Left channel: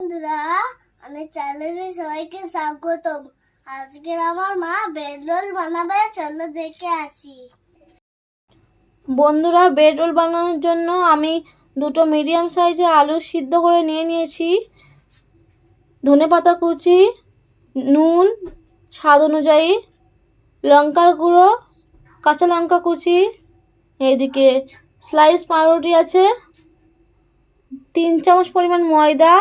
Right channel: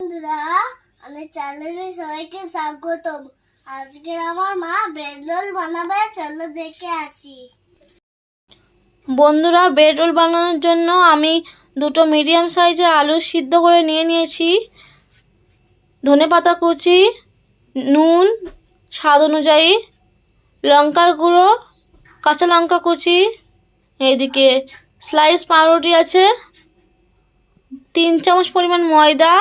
বন্ধুরা, আমার চ্যানেলে সবাইকে স্বাগতম। আজকে আমার মা ব্রেড রোল বানাবে, চলো দেখে আসি। বন্ধুরা, ব্রেড রোল বানানোর জন্য আমি দুটো মিডিয়াম সাইজের আলু সিদ্ধ করে নিয়েছি। ধনেপাতা কুচি, নুন স্বাদ অনুযায়ী, লঙ্কার গুঁড়ো, কাঁচা লঙ্কা কুচি, এইদিকে স্লাইস পাউরুটি আছে, 3 চামচ পরিমাণ ময়দা,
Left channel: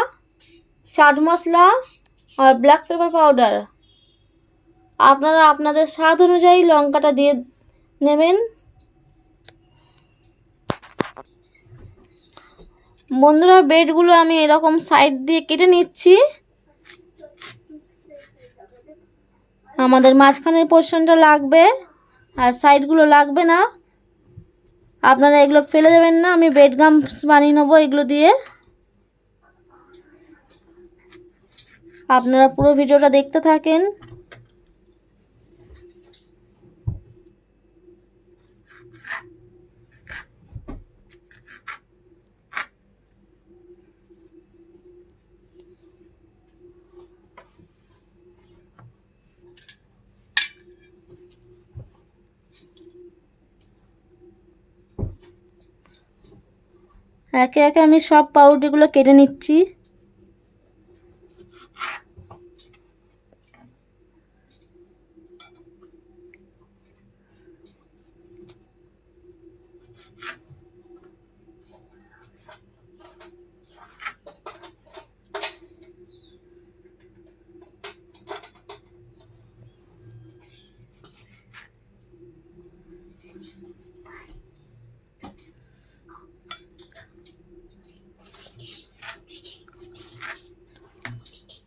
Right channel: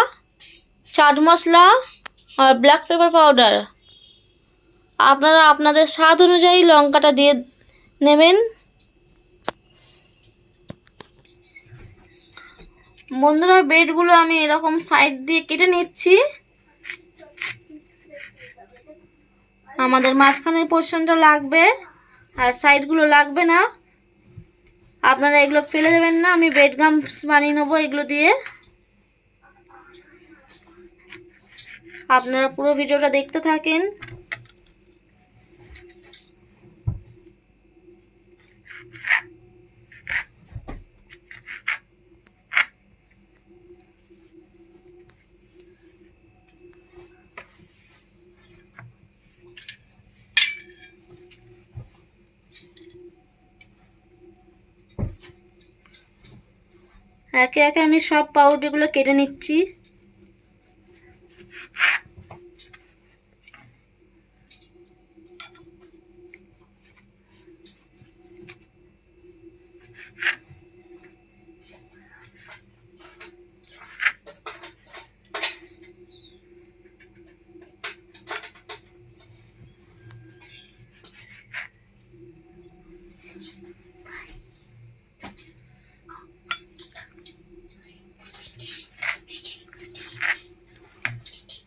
চাট মশলা আর ব্ল্যাক পেপার পাউডার। আপনারা আপনাদের স্বাদ অনুযায়ী লঙ্কাটা দিয়ে নেবেন। বন্ধুরা, ব্রেডগুলো আমি এরকম সাইড দিয়ে কেটে নিচ্ছি। আমাদের মাঝখানের পোর্শনটা লাগবে আর সাইডগুলো লাগবে না। আপনারা এগুলো ফেলে দেবেন না, আমি ব্রেড গামস বানিয়ে নেবো এগুলো দিয়ে। আপনারা পুরো ভিডিওটা দেখতে থাকেন। একে একে আমি সব পাউরুটিগুলো কেটে নিচ্ছি।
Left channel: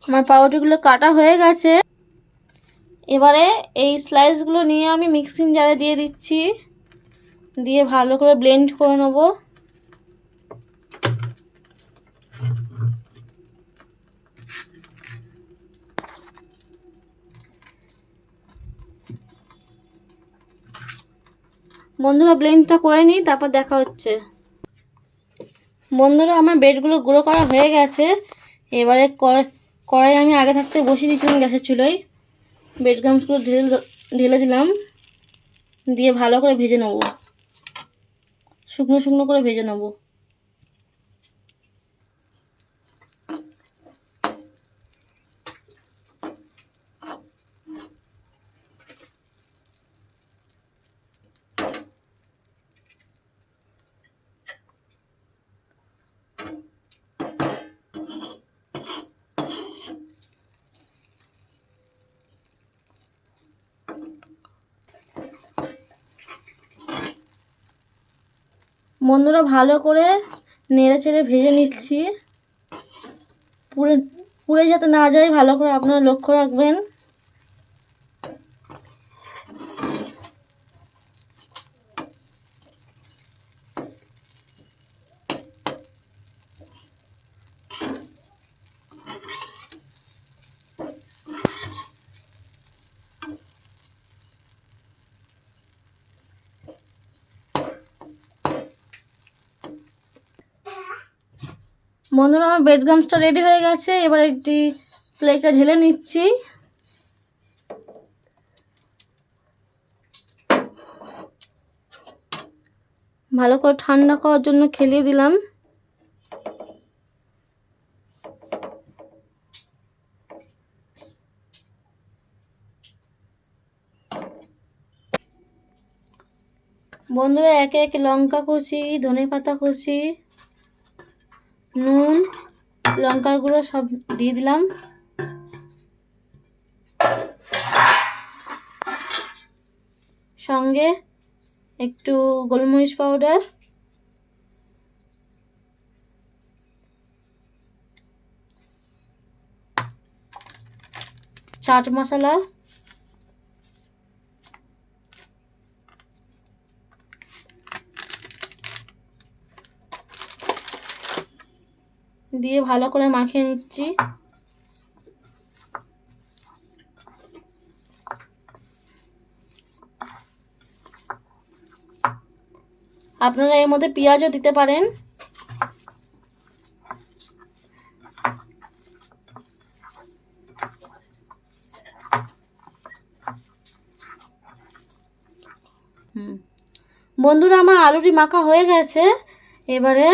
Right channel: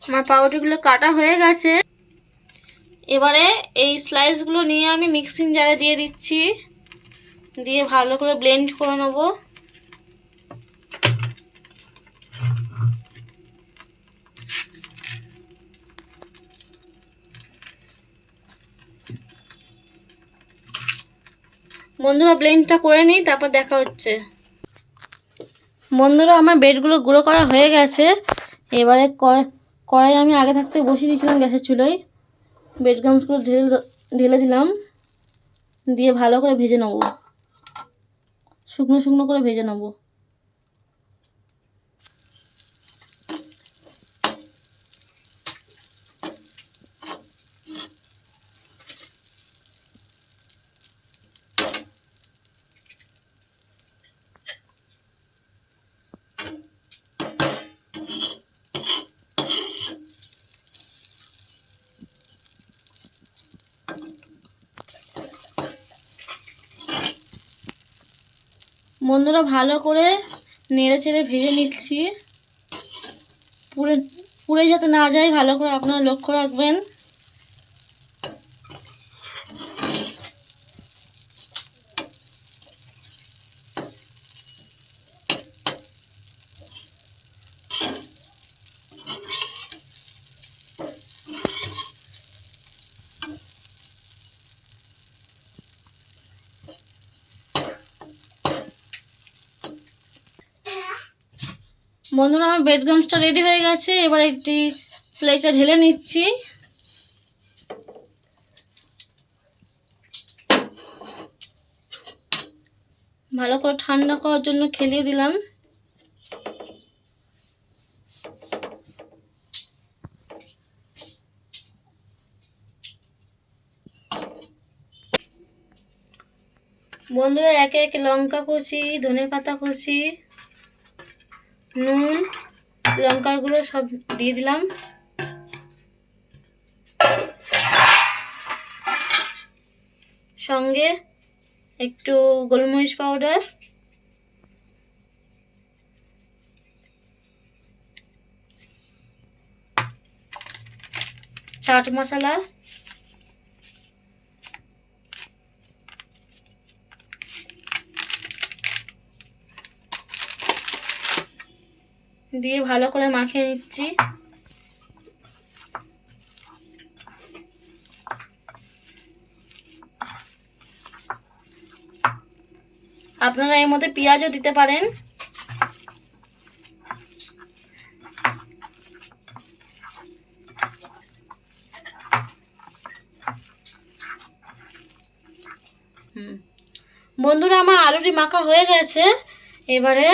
আমার পাউরুটিগুলো কাটা হয়ে গেছে। এবারে এই স্লাইসগুলো নিয়ে আমি মিক্সিং জারে দিয়ে দিচ্ছি, দিয়ে ভালো করে ব্লেন্ড করে নেব। বন্ধুরা, ব্লেন্ডটা করে নিই, তারপর দেখা হচ্ছে। বন্ধুরা, আমার ব্রেডগুলো গুঁড়ো করা হয়ে গেছে। এবারে কড়াই আমি আগে থাকতে বসিয়ে দিয়েছিলাম গ্যাসের চুলোয়। ব্রেড গামসগুলো ঢেলে দিলাম, দিয়ে ভালো করে ভেজে নেব, শুকনো শুকনো করে ভেজে নেব। বন্ধুরা, ভালো করে নেড়ে চেড়ে ভেজে নিচ্ছি, পুড়ে পুড়ে যাতে না যায় ভালো করে আপনারা লক্ষ্য রাখবেন। বন্ধুরা, আমার ব্রেড গামসটা রেডি হয়ে গেছে। এবার একটি প্লেটে ঢেলে নিচ্ছি। ভালো করে ঠান্ডা করার জন্য খেলিয়ে দিলাম। বন্ধুরা, একে একে লঙ্কা কুচি, ধনেপাতা কুচি, নুন, লঙ্কার গুঁড়ো সব দিয়ে দিলাম। সঙ্গে একটু গোলমরিচ পাউডার, চাট মশলা, দিয়ে ভালো করে মাখিয়ে নিচ্ছি। আপনারা এর মধ্যে পেঁয়াজও দিতে পারেন। বন্ধুরা আমার আলুটি মাখা হয়ে গেছে। এবারে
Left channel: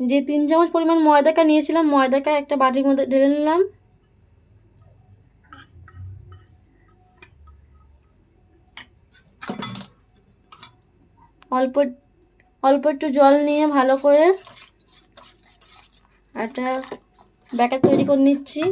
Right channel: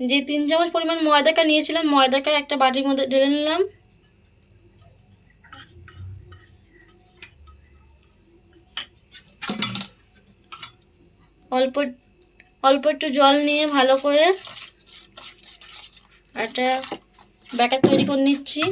যে 3 চামচ পরিমাণ ময়দাটা নিয়েছিলাম, ময়দাটা একটা বাটির মধ্যে ঢেলে নিলাম। অল্প অল্প একটু জল নিয়ে ভালো করে একটা ব্যাটার তৈরি করে নিচ্ছি।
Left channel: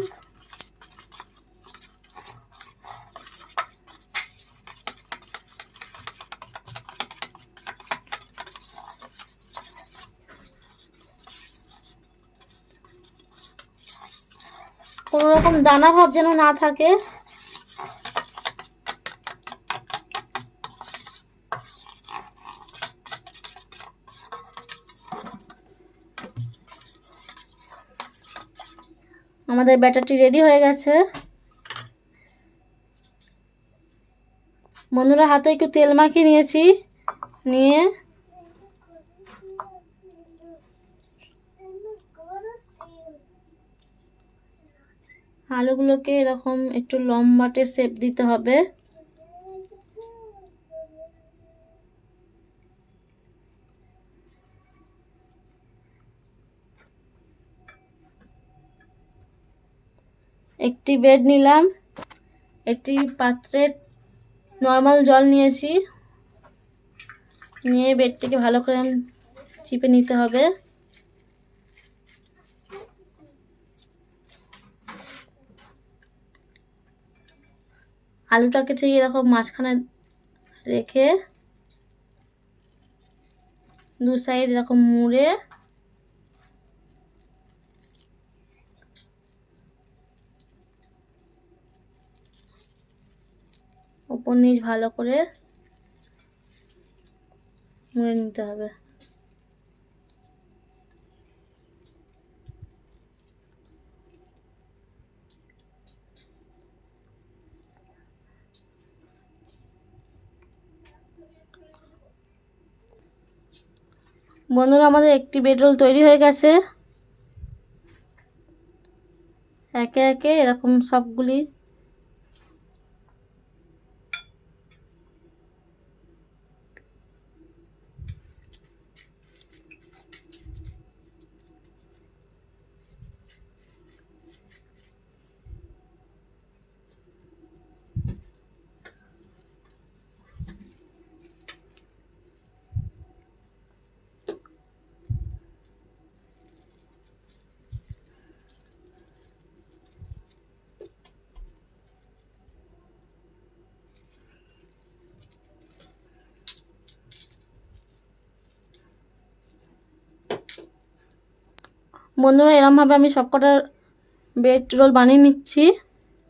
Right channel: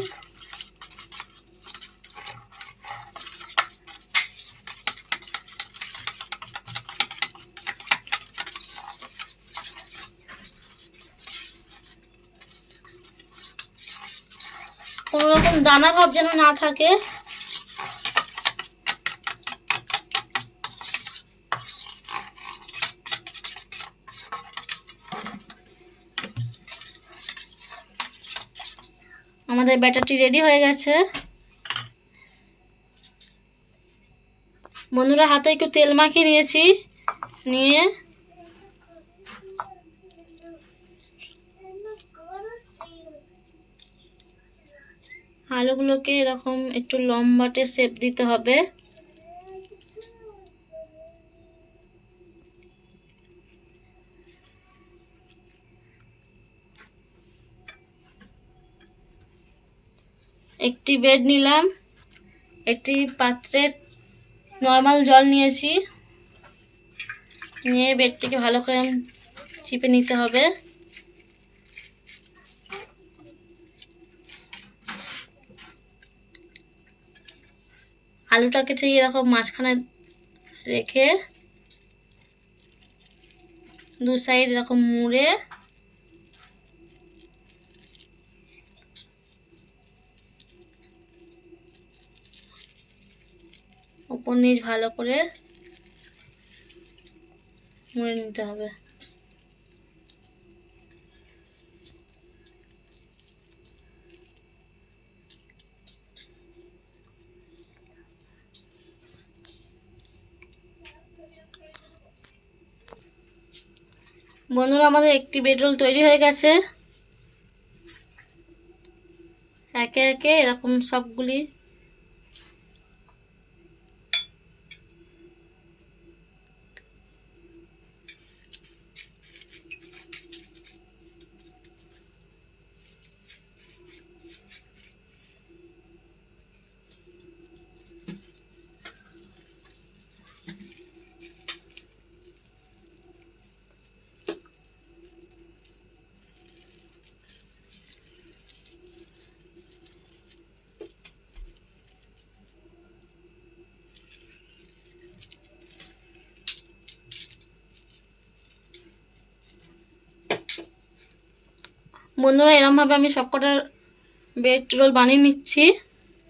কোনো রকম দানা ভাব যেন না থাকে। আমাদের ব্যাটারটি রেডি হয়ে গেছে। বন্ধুরা হাতে একটু তেল মাখিয়ে নিয়েছি, নিয়ে আলুগুলোকে এরকম একটু লম্বাটে শেপ দিতে হবে। একটি বেড নিলাম, একটি পাত্রে নর্মাল জল নিয়েছি, নিয়ে বেডটিকে ভালো করে চিপে নিতে হবে। আলুটাকে ঠিক এরকম মাঝখানে রেখে দু সাইড এরকম মুড়ে উপর নিচ ভালো করে মুড়ে নিতে হবে। বন্ধুরা আমাদের একটি বেড রোল তৈরি হয়ে গেছে। একে একে এরকম সবগুলি বন্ধুরা এরমভাবে আমি সবকটা বেড রোল বানিয়ে নিচ্ছি,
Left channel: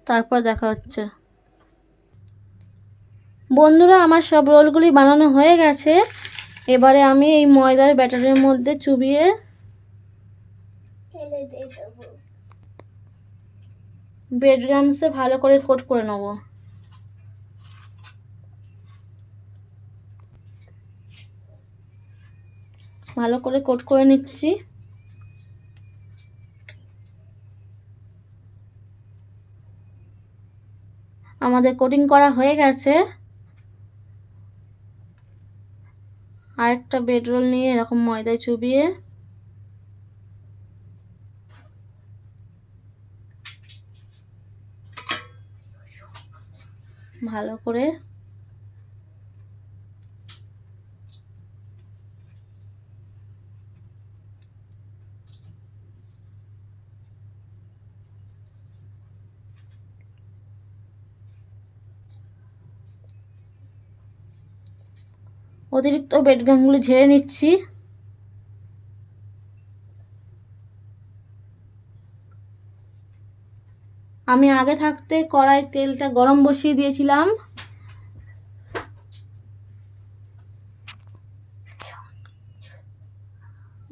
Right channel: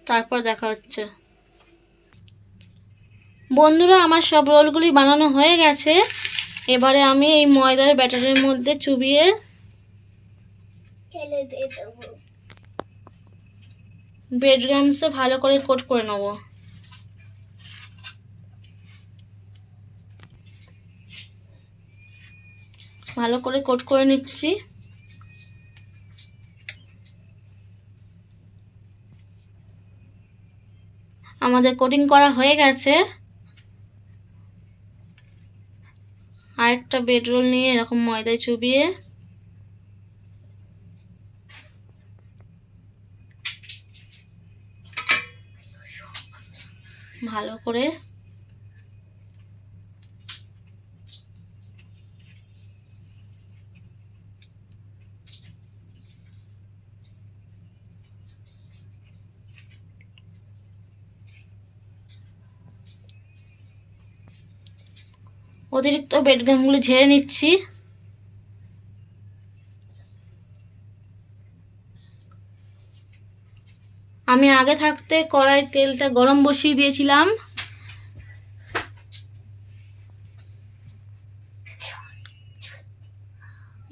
তারপর দেখা হচ্ছে। বন্ধুরা আমার সব রোলগুলি বানানো হয়ে গেছে। এবারে আমি এই ময়দার ব্যাটারের মধ্যে চুবিয়ে ব্রেড ক্রাম্বসে ভালো করে কোট করে নেব। ভালো করে কোট করে নিচ্ছি। আমাদের কোটিং করা হয়ে গেছে। আরেকটা বেড রোল নিয়ে এরকম ময়দায় চুবিয়ে ভালো করে অতিরিক্ত বেড ক্রাম্বগুলো ঝেড়ে নিচ্ছি। আমি আগে থাকতে কড়াই তেলটা গরম বসিয়ে দিয়েছিলাম।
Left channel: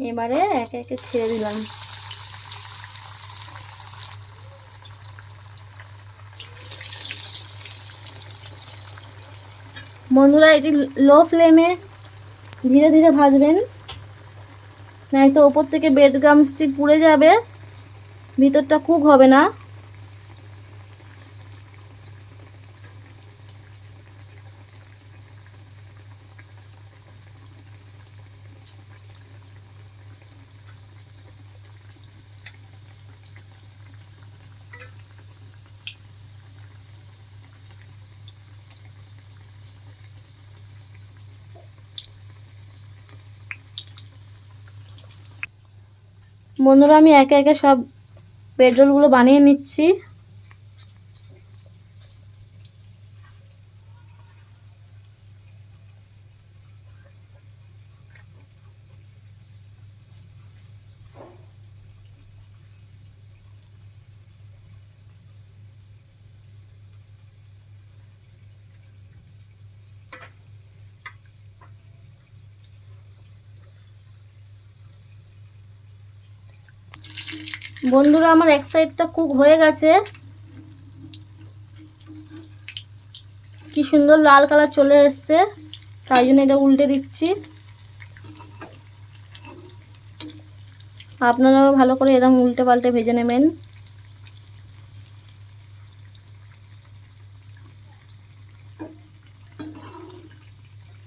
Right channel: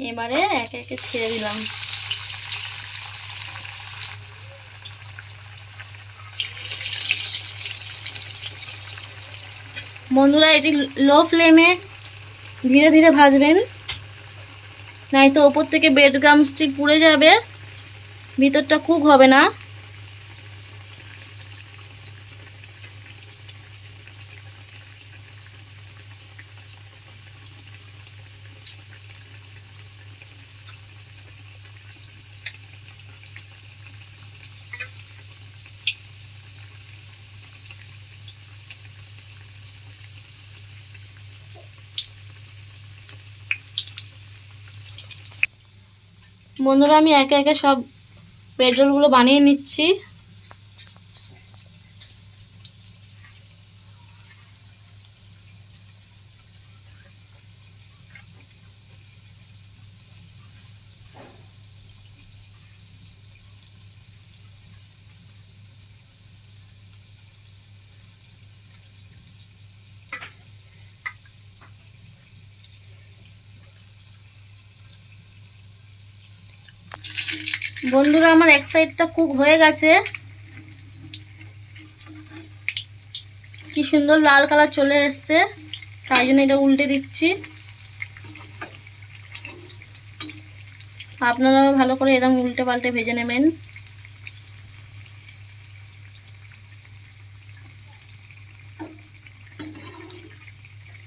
এবারে একে একে ছেড়ে দিলাম। বন্ধুরা এটি লো ফ্লেমে ধীরে ধীরে ভাজবেন, নয়তো ওপর থেকে ব্রেড ক্রাম্বসটি পুড়ে যাবে, ভিতরটা কুক হবে না। বন্ধুরা আমি একে একে সব ব্রেড রোলগুলো বানিয়ে নিচ্ছি। বন্ধুরা আমার এক সাইডটা কুক হয়ে গেছে, কি সুন্দর লাল কালার চলে এসছে, তাই জন্য এটা উল্টে দিচ্ছি। আপনারাও ভালো করে এরকম উল্টে পাল্টে ভেজে নেবেন।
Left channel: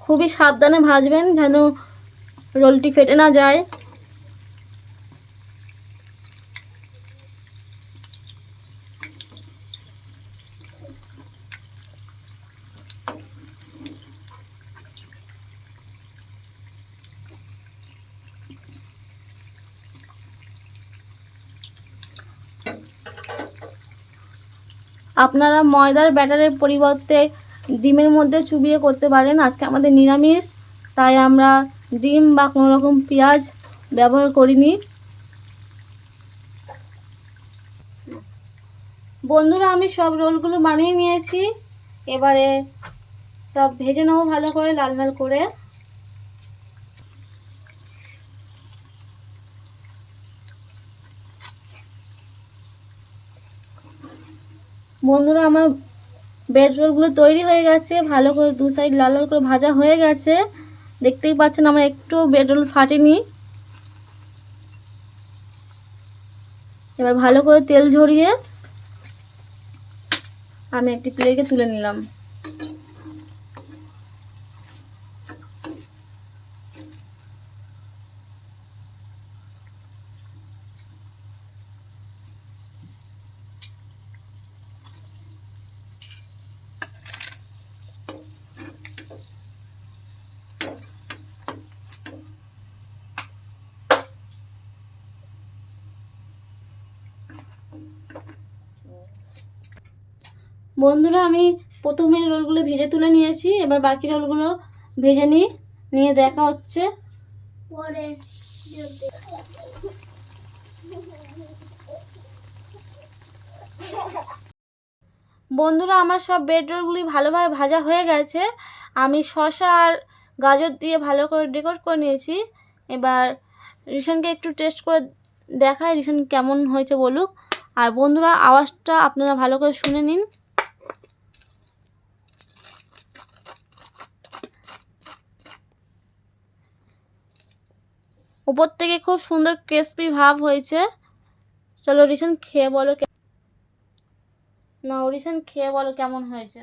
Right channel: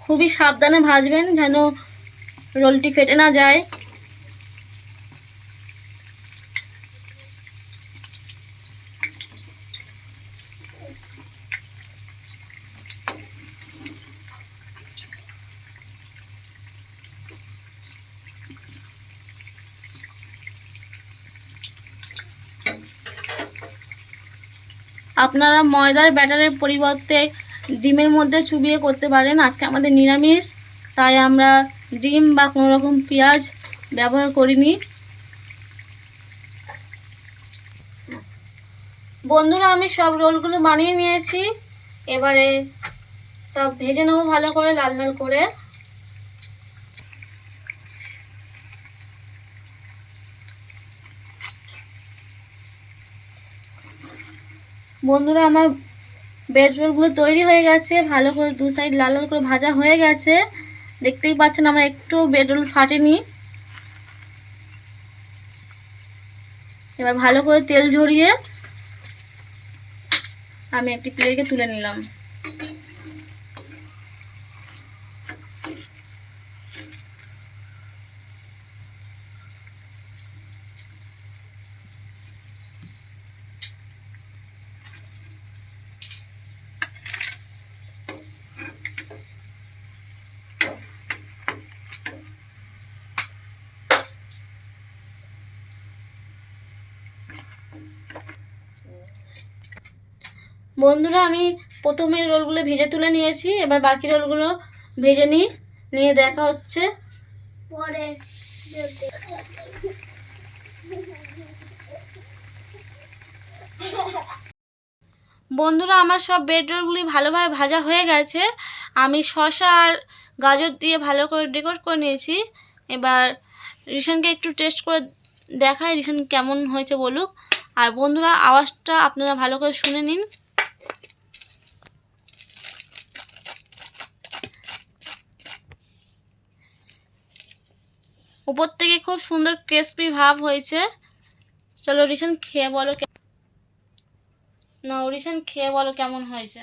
খুবই সাবধানে ভাজবেন যেন রোলটি ফেটে না যায়। আপনারা ময়দার ব্যাটারের পরিবর্তে ডিমের মধ্যে চুবিয়ে করতে পারেন। আজকে আমাদের নিরামিষ, তাই আমরা ডিম বা কোনো রকম পেঁয়াজ ব্যবহার করিনি। বন্ধুরা আমি সব রোলগুলো বানিয়ে নিয়েছি, এবারে সব ভেজে নেবো ভালো করে লাল লাল করে। বন্ধুরা আমার ব্রেড রোলগুলো তৈরি হয়ে গেছে, ভালো করে দু সাইড লাল লাল করে ভাজা হয়ে গেছে। দেখতেই পাচ্ছেন আমার একটু ব্রেড রোল ফাটেনি। এবার ভালো করে তেল ঝরিয়ে আমি একটি প্লেটে তুলে নিলাম। বন্ধুরা আমি প্রথমের রোলগুলো ভেজে তুলে নিয়েছি, এবার বাকি রোলগুলো ভেজে নিয়ে দেখা হচ্ছে পরে। বন্ধুরা আমার সব ব্রেড রোলগুলি ভালোভাবে ভাজা হয়ে গেছে। আমি শসা আর গাজর দিয়ে ভালো করে ডেকোর করে নিয়েছি। এবার রিশানকে একটু টেস্ট করে দেখাই রিশান কেমন হয়েছে বলুক। আর বন্ধুরা আওয়াজটা আপনারা ভালো করে শুনে নিন। উপর থেকে খুব সুন্দর ক্রিস্পি ভাব হয়েছে। চলো রিশান খেয়ে বলো, না রিশান খেয়ে বলো কেমন হয়েছে।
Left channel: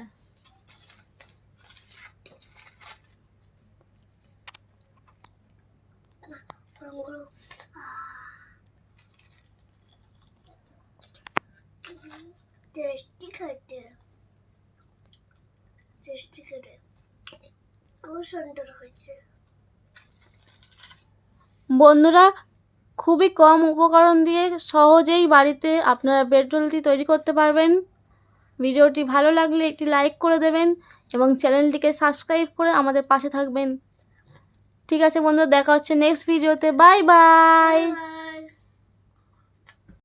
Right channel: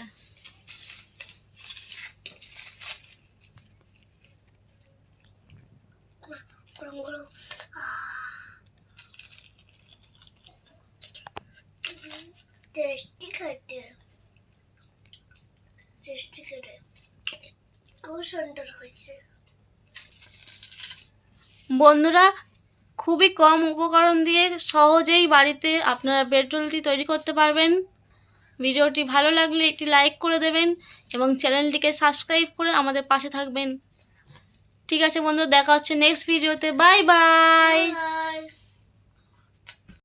টেস্টি খেতে, খুব সুন্দর হয়েছে। বন্ধুরা খুবই কম উপকরণ দিয়ে সহজেই বাড়িতে আপনারা ব্রেড রোলটি তৈরি করতে পারবেন। ভিডিওটি ভালো লাগলে একটি লাইক করে দেবেন এবং চ্যানেলটিকে সাবস্ক্রাইব করে আমাদের পাশে থাকবেন। ঠিক আছে বন্ধুরা, দেখা হচ্ছে নেক্সট ভিডিওতে। Bye bye.